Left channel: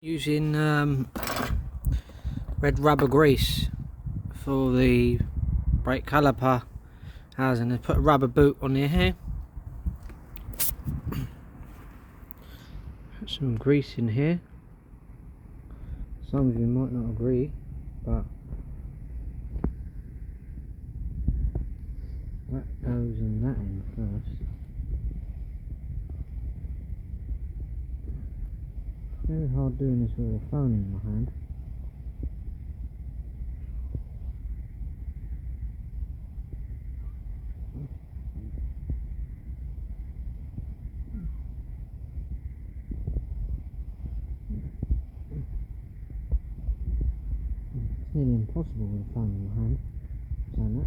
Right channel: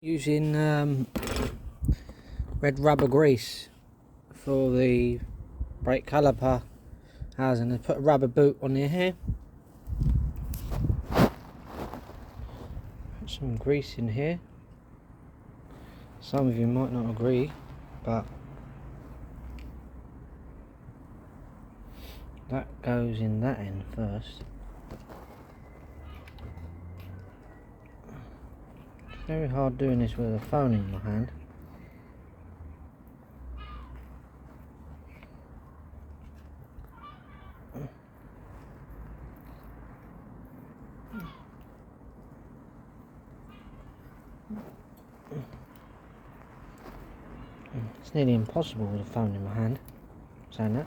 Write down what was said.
Using red rubber grease for the brake caliper housing. I put a rubber boot on here. Put some grease in here. Some of you might not agree, but that goes in that end first. It's very hard doing this with a phone in my hand. It's nearly impossible with a phone in my hand, saying that.